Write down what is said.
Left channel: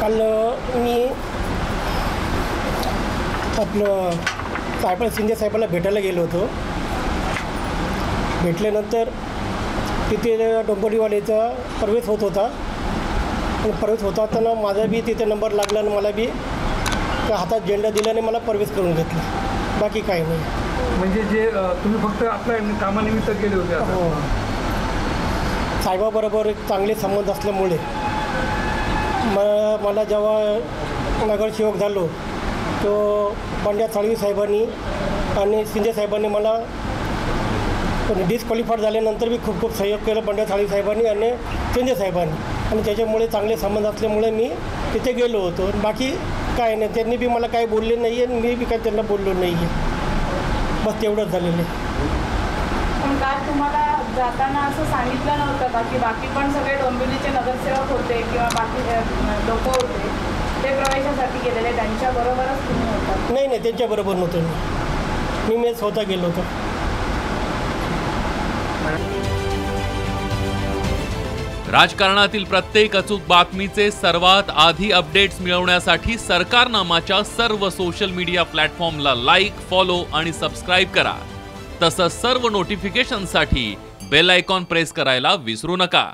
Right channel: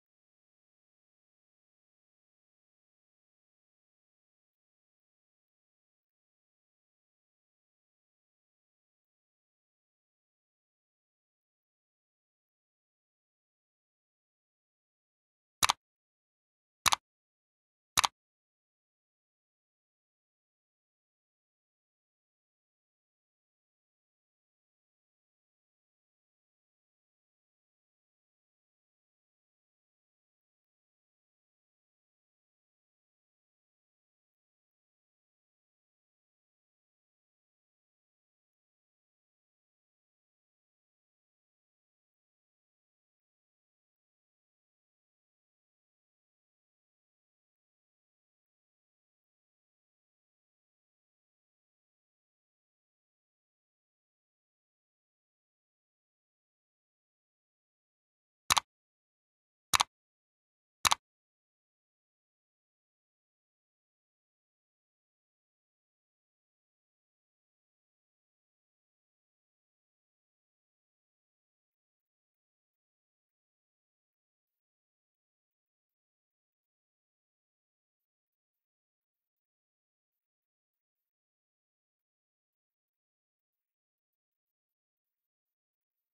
काल मी आपलं शिंदे साहेबाला भेटायला गेलो होतो. भेटल्यानंतर तिथे डोंबिवलीवालेचा प्रवेश होत होता. आणि प्रवेश होत असताना माझा बी तिथे नंबर लागला आणि मला बी त्या हातात झेंडा दिल्याने मला प्रवेश करून घेतला. बाकी काही नाही. म्हणजे जे तुम्ही फक्त आपल्या कामानिमित्त गेले होते? हो. साहेबाबरोबर एक चांगले संबंध असल्यामुळे मला जेव्हा नगरसेवक झालो तो बंड्या साळवी साहेबांनी आणि शिंदे साहेबांनी मला डिस्क्वालिफाईड झाल्यानंतर मी खूप सहयोग केलं बंड्या साळवी साहेबांनी आणि शिंदे साहेबांनी. आणि त्याच्यामुळे चांगले संबंध असल्यामुळे मी तिथे गेलो होतो. बाकी काय नाही. त्यांनी बी मला काही बोलले नाही आहे आणि मी बी काही त्यांना बोललो नाही आहे. बस तेवढंच झालेलं आहे. पण काल तुम्हाला जाताना असं सांगितलं नव्हतं का की बाकी पण सगळे डोंबिवलीचे नगरसेवक होते किंवा बाकी लोक होते ते प्रवेशासाठी गेलेले त्यांच्याबरोबरच तुम्ही होता? नाही त्यांच्याबरोबर नव्हतं मी स्वतः गेलो होतो. राजकारणातील प्रत्येक अचूक बातमीचे सर्वात आधी अपडेट्स मिळवण्यासाठी सरकारनामाच्या सर्व सोशल मीडिया प्लॅटफॉर्मला लाईक, फॉलो आणि सबस्क्राईब करा. तसंच सर्व नोटिफिकेशनसाठी बेल आयकॉन प्रेस करायला विसरू नका.